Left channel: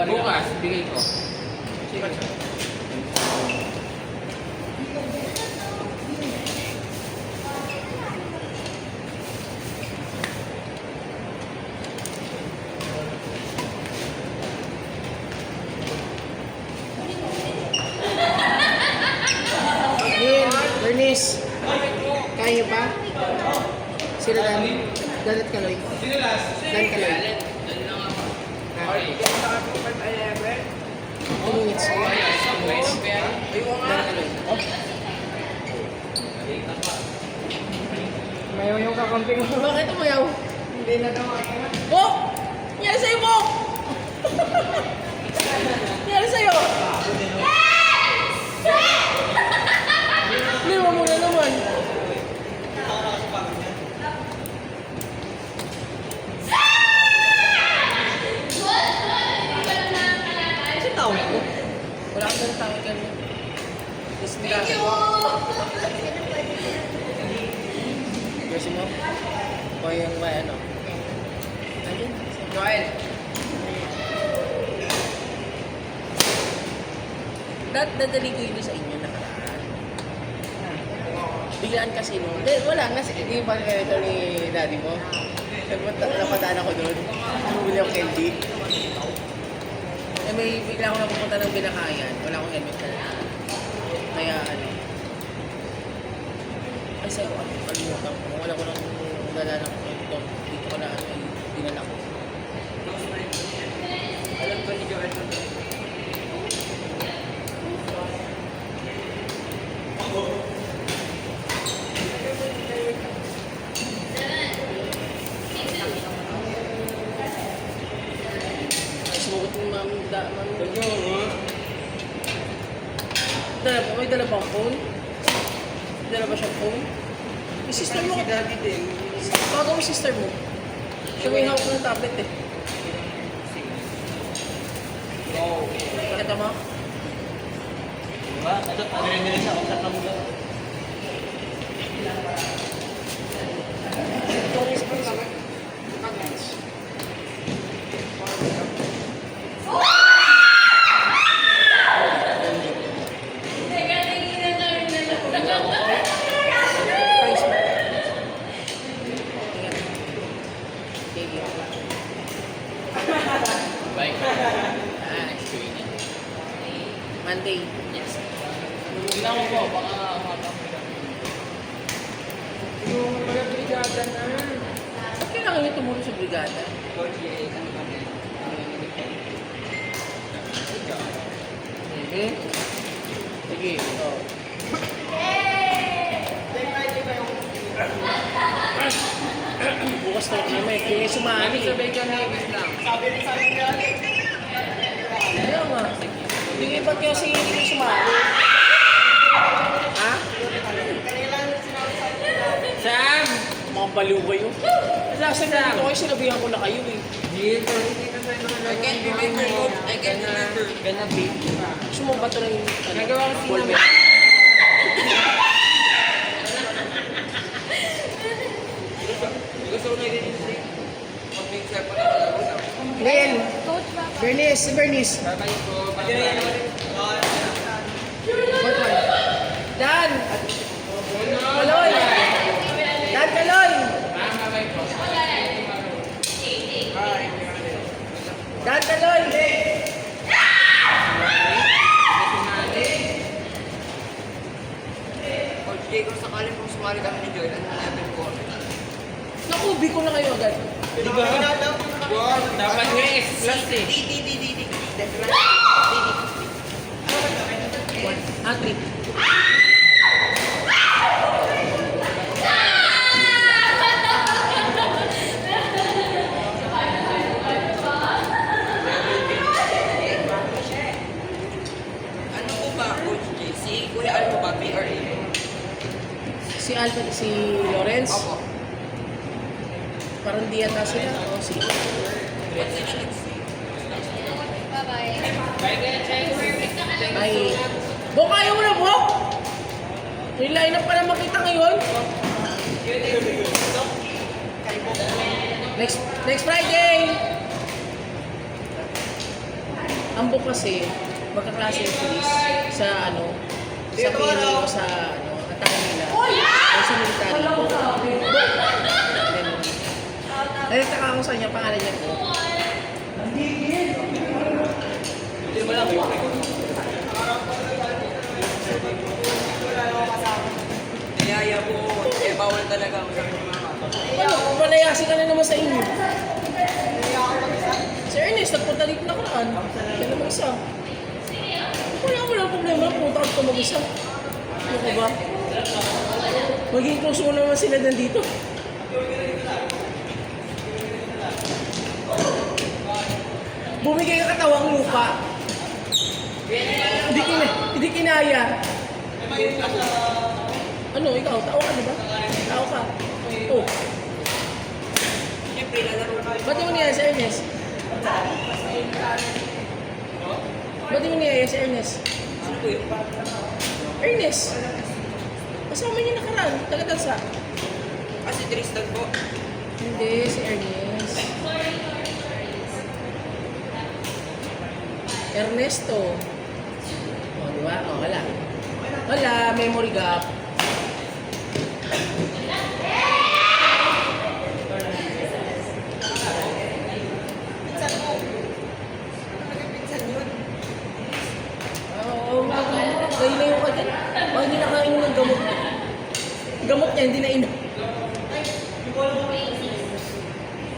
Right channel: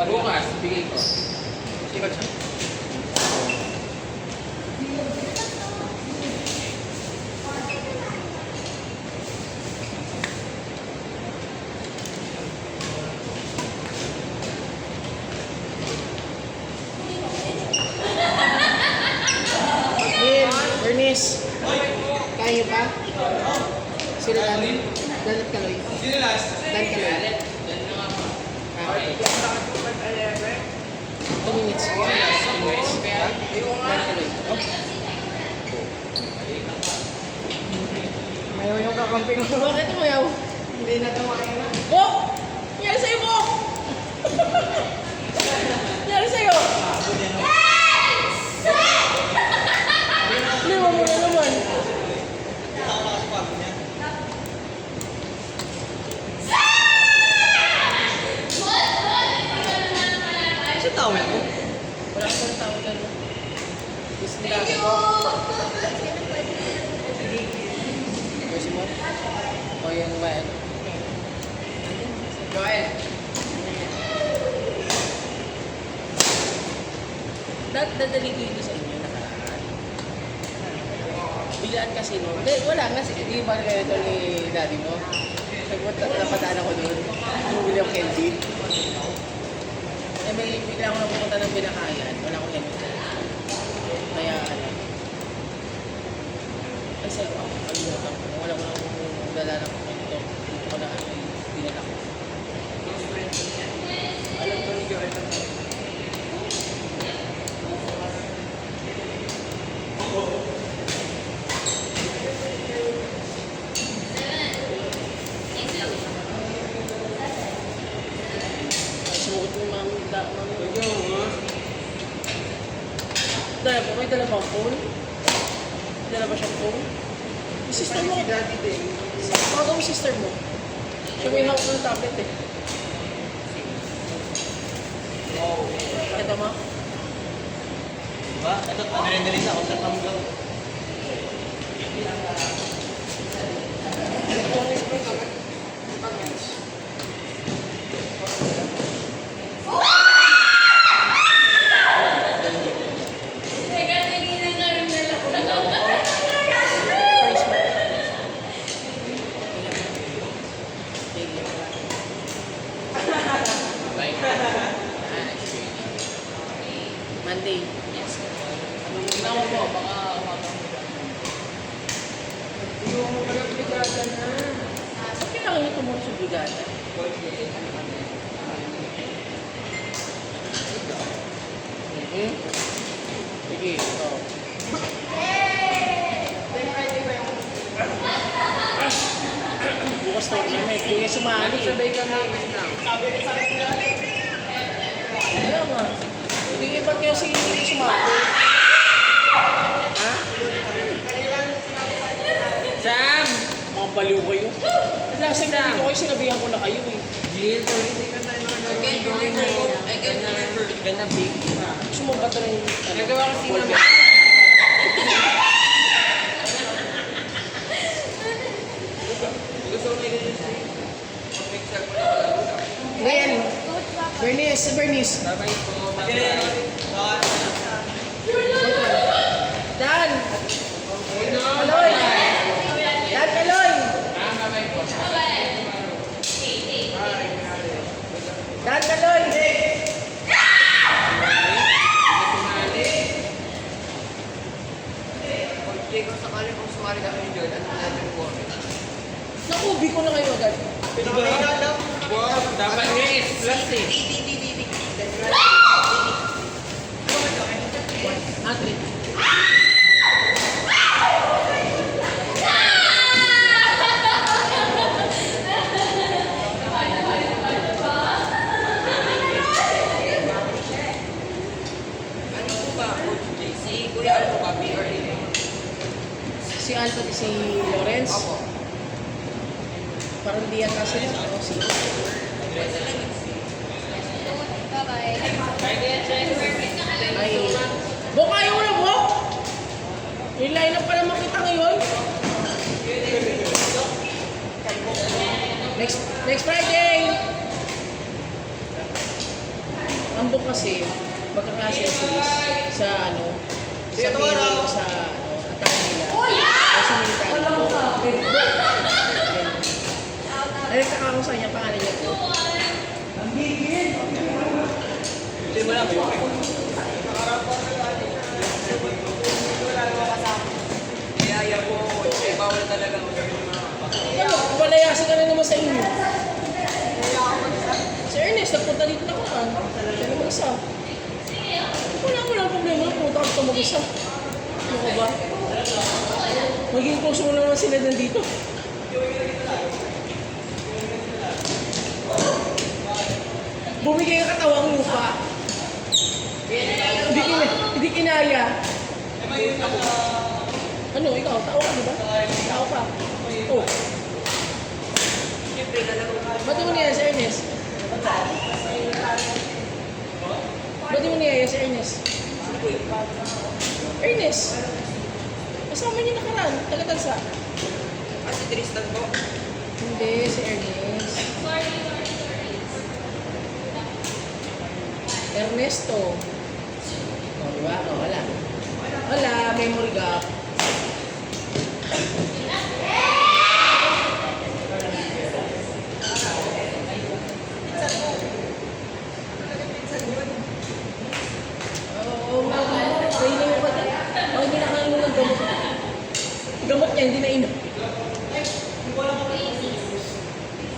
Bukas, bigay ko. Sige siya. Bernice, kaya ba? Sila lang. Dalat ka lang. Sino last? Dalat ka lang. 2 minutes. Dalat ka lang. Ngayon yung kakampi ko. Bakit mo yaw? Hindi na daw kaya. Oh! Nangyari sa'yo mo! Nangyari sa'yo! Naman mo na naman. Sa tao na ko. Wala kang tao ka no? Thank you! Gusto mo? O yung ano? Joel. Dadali ko yun sa inyo na. Biglaan kasi no? Hindi, wala nga. Hindi ba kayo ito ni daddy mo? Napataan ako doon. Bumili ako candy. Eh, may bigla ako napunta ng binakayan. Wala akong helmet na. Kaya ano. Ay sa'yo ako. Kalimutan ko. Wala ko nang dala ng kwento. Dito ko na dinala ko. Alam ko ni Joel. Sumugot mo namin dala po. May dala ba ang phone? Dala ba siyang phone? Yung sister mo. Daddy din. Tawag mo sister mo. Siya may hawak ng tablet eh. Pakita mo? Diba? Ito, galing na. Kung saan kami gawin. Ito ang space. Bye. Monday. Ginawa ko. Ba't kailangan niyo tumulong sa brigada? Sige. Sige. Oh. Bukas na kami. Kaya sumali. Sabay ka na, wait lang. Ano nga? Hindi ba't kaya si hindi sumali? Ha? Sam! Mga baliw kayo. Last time dito kayo, sinabihan ko na kayo eh. Jill, hindi na tayo mga gawin mo. I can remember. Gonna be. Gusto mo ba ito ng... Nagawa kasi naman. Gusto ko na din si picture ko na. Ngayon, Bernice, si Bernice. Sabay ko. Dan! Kaloy! Dan, Kaloy! Dan, Kaloy! Okay, kung sumali kami ni Joel, at namin ko. Nakubi ko na kayo, Dan. Dapat nga is plus eh. Athlete. Ano ko ba, Coach JC? Kuya, ano ba, PRA? Si Anthony, si Lawrence. Parang di yata sila. Ano, si... Ay... Bok, ayaw mo na, Bok! Yung line up pala makita ngayon. Next Friday! Ang book kasi, magkaklase yung series sa ano, sa Pino, sa ano, atakan nila. O sa military ko. Ayun, kaka ko sa kanya, pangalan niya ko. Hindi mo lang yun. Kaya ko, eh, bawal talaga. Ano, palayasin ka na naman sa inyo. Si Ernest, nagpunta dito na kaan. Sabi mo isa. Wala problema, pumunta ka mag-isa. Ano ka ba? Maging close mo naman sila nandito. Bumigay ang katawang lupa. Hindi kinaya. Ano, ikaw, tao ka, di ba? Tao ka. Oh. Ba't di mo niyaya si Ernest? Ba't di mo niyaya si Ernest? Ernest! Kasama niya nakaraan, taga-tansa. Kasi Tristan po. Hindi, si Ernest. Ernesto. O, diba? O, wala. Wala, memory gap. Oo, kailangan ko dyan. O, hindi nakainom ng gamot. Gamot niya, hindi na inom.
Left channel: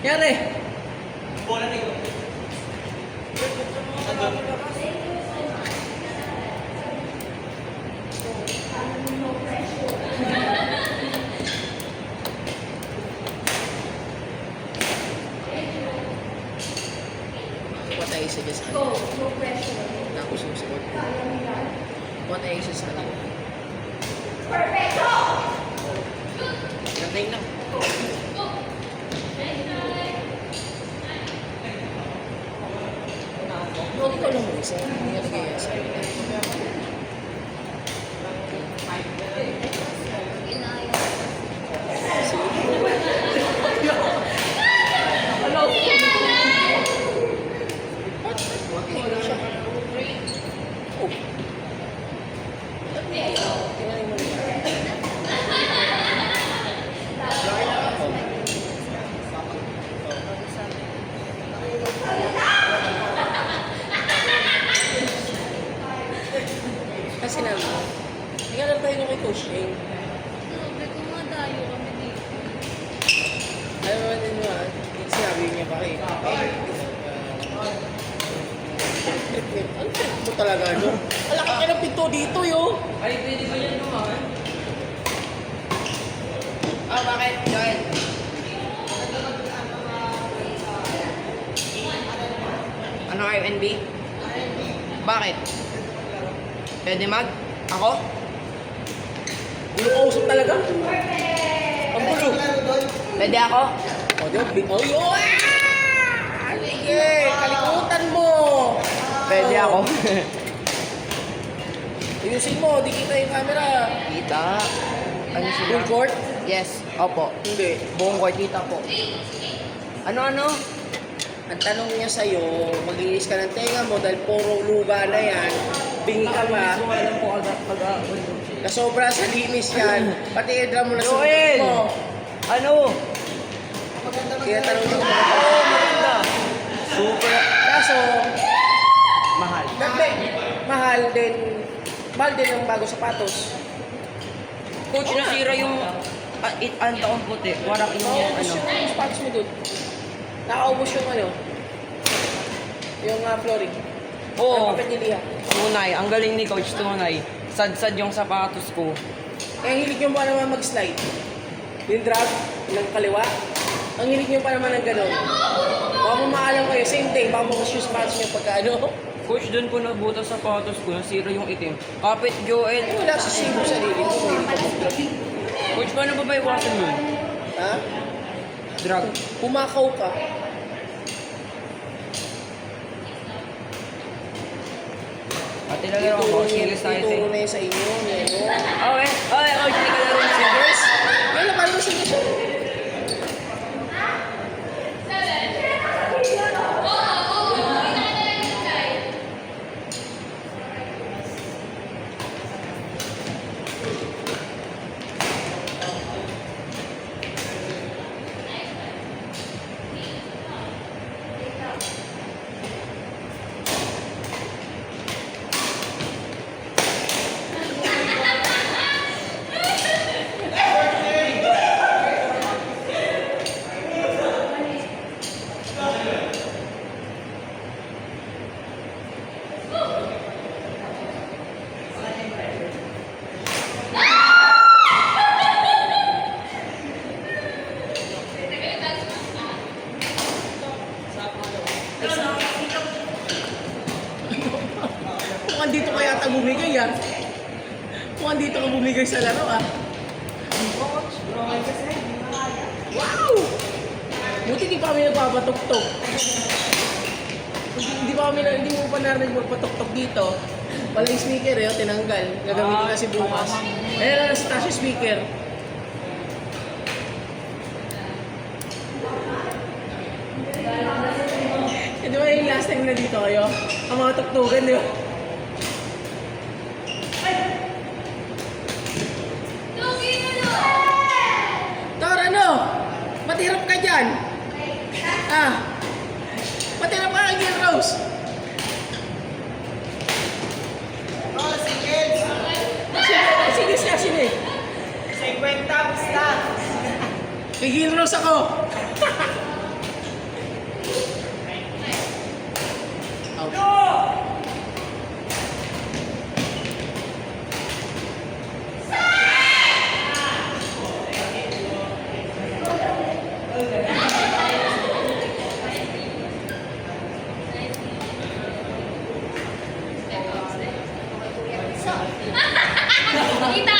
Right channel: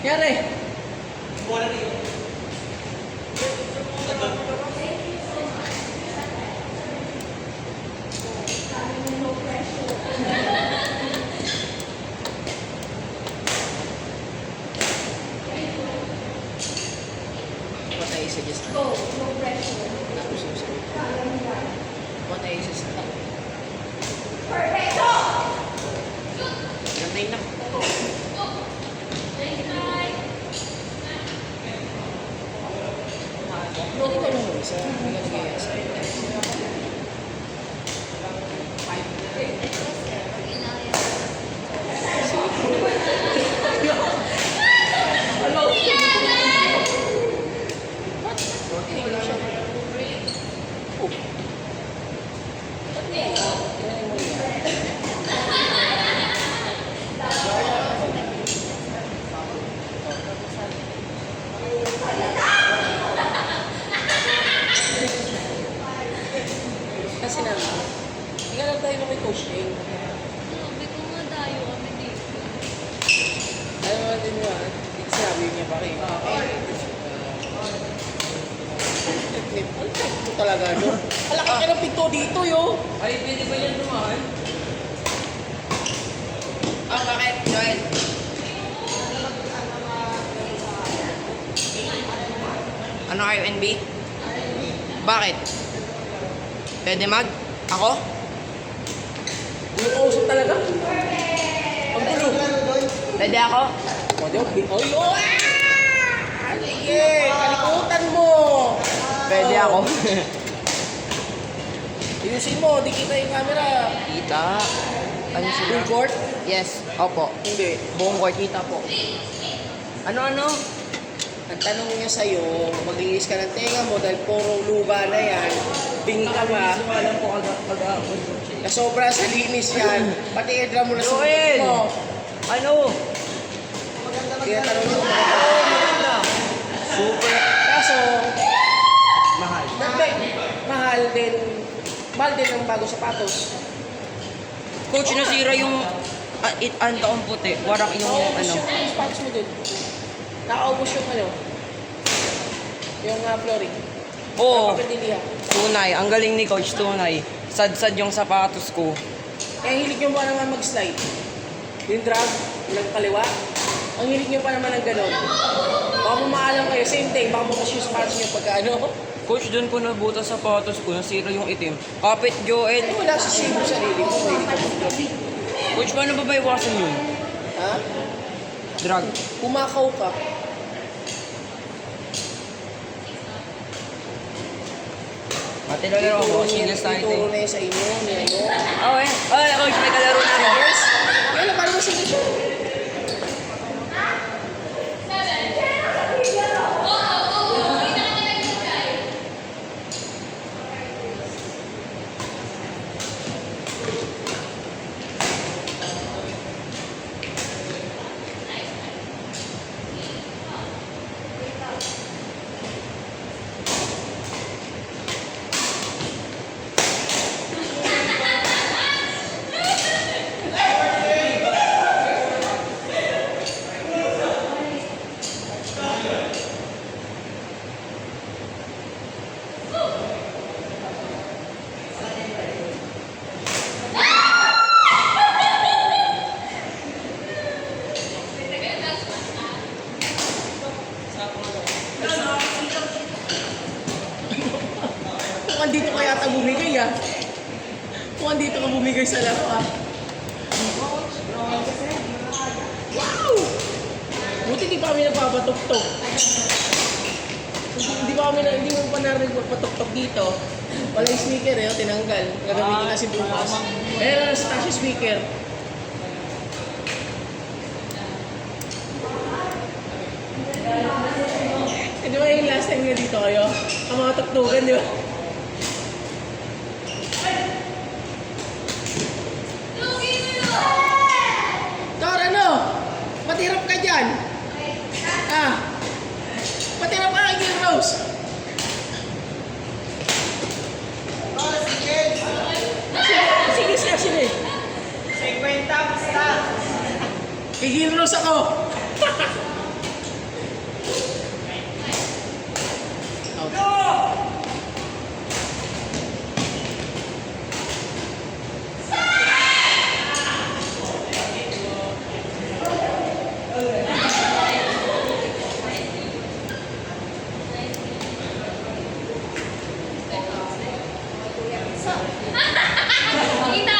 Yari. What I say is Go, no pressure. tapos yung scope. What I say is Perfecto! Nantay na. Huwag ko lang isa. Hindi ka nag-iasa. Kasi naman, hindi ka lang tayo na kay Coach Ing. Sabi ko nga tayo kami dito. Ayaw mo din mo sinabi niya pa rin. Ito talaga, no? Alaka ka ng pinto dito, yo! Ay, pwede ba yan naman? Ah, bakit, Joel? Ano R&B? Bakit? Pwede mag? Ako? Inuusap talaga? Ang gulo. Pwede ako? Oy, oy! Sige, kalikutan mo! Pwede ako. Ayusin mo, di kita yung camera. Kita. Ano sila? Full court? Yes, opo. Hindi. Buong court kita po. Ano? Ang tanong niya sa'yo, maglinis ka ng tenga mo dahil puro luba na yan. Bingi ka pa. Alam po pag-aapon. Nasobra sa linis yan. Pati eardrum mo na Joel! mo. Ano? Kaya tanong niya kung maganda. Oo, maganda. Super Kaso, mahal. mahal din yung bago sapatos. Coach, nasira yung ang taong puti. Warang yung Nakaubos ano. yung sapatos mo dun. Nakaubos yung ano, yung flooring. Oo, Papatiliha. tunay. Ang galing ni Coach, tunay. Sad-sad yung sapatos ko. Kaya hilig nyo pa naman mag-slide. Yung drag, ng kaliwa. Ang hilig nyo pa naman ng gano'n. Baka mo maalam kayo, same day, baka mo kasi yung sapatos nyo pagka ano. Coach, doon ko nabuta sa sapatos ko. Nasira yung itim. Kapit, Joel. Eh, wala sa same sarili mo. Coach, paano ba iwasan yun? Ha? Drag. Kumakaw ka. Pati lalaro ko. Singles tayo. Ituro na yun sa inyo. Ano? Okay. Okay, Coach. May kalaro na. Singles? Ano, paano ba singles? Mukhang dito kaya ata bumigay ah. Mukhang dito ka bumigay sa laro ah. Wow! Buti di pa kami nagpapatok-tok. Hindi mo pa narinig magpatok-tok dito. Walang speaker eh, oh, tinanggal. Gagamitin kasi bukas. Ayan na sa taas yung speaker. Di ba yung last time na dito kayo? Ang mga tuktugan, di ba? Tor, ano? Matirap ka dyan? Ah? Matirap ka kay Rose? Sige, sige. 50 basta. Kay Rose ako. Kita